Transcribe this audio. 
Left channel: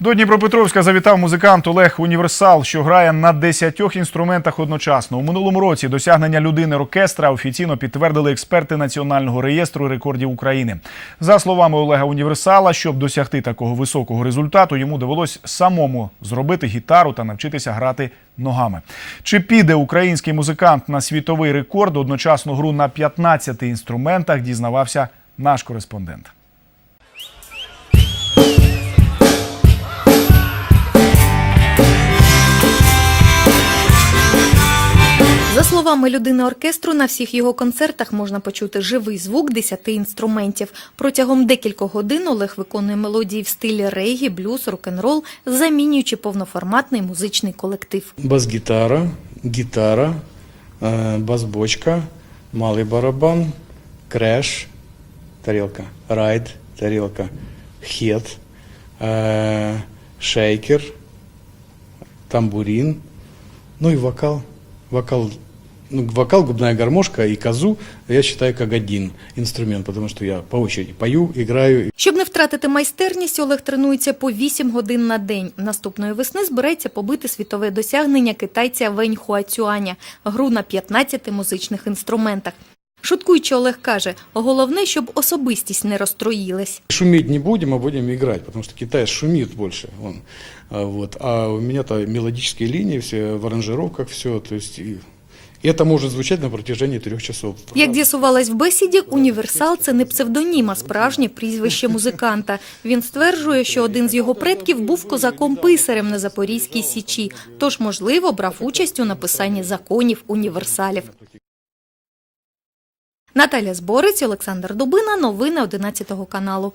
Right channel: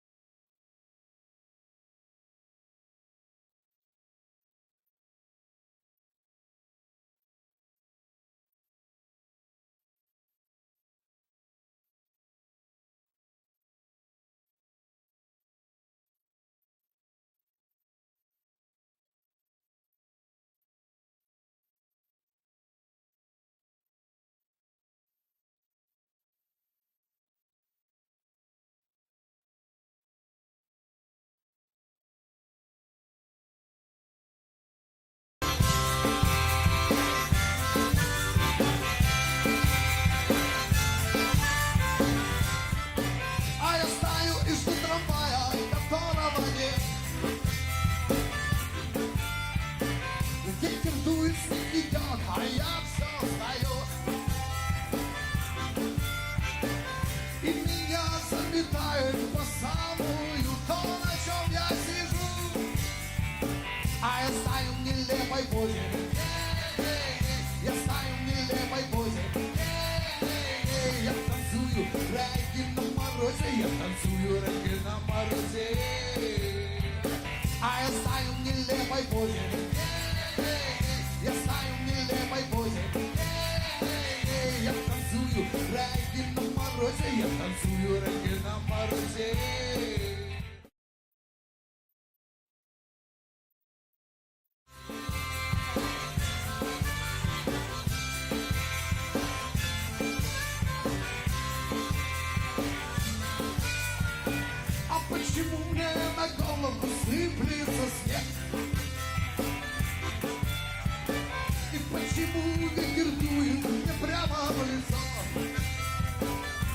До Дніпропетровська завітав музикант Олег Універсал, що грає на десятьох інструментах одночасно. У минулому році досягнення людини оркестра офіційно підтвердили експерти Національного реєстру рекордів України. За словами Олега Універсала, щоб досягти такого високого результату, йому довелось самому зробити гітару та навчитися грати ногами. Чи піде український музикант на світовий рекорд одночасну гру на 15 інструментах, дізнавався наш кореспондент. словами людини оркестру, на всіх його концертах можна почути живий звук десяти інструментів. Протягом декількох годин Олег виконує мелодії в стилі регі, блюз, рок-н-рол, замінюючи повноформатний музичний колектив. бас-гитара, гитара, э, бас-бочка, малый барабан, крэш, тарелка, райд, тарелка, хет, э, шейкер, тамбурин, ну и вокал, вокал, ну, вокал, губная гармошка и казу, я считаю как один инструмент, потому что я по очереди пою, играю, Щоб не втратити майстерність, Олег тренується по 8 годин на день. Наступної весни збирається побити світове досягнення китайця Вень Хуацюаня – гру на 15 музичних інструментах. Шуткуючи, Олег каже, головне, щоб особистість не розстроїлась. Шуметь не будем, а будем играть, потому что Китай шумит больше. А, Вот. А у меня-то мелодические линии, все в аранжировках, все. То есть это может звучать на протяжении трех часов. Як з'ясувалось в бесіді, універсал це не псевдонім, а справжнє прізвище музиканта. Він стверджує, що один з його предків був козаком-писарем на Запорізькій січі, тож, можливо, брав участь у написанні законів універсалів. Наталя Зборець, Олександр Дубина, новини 11 каналу.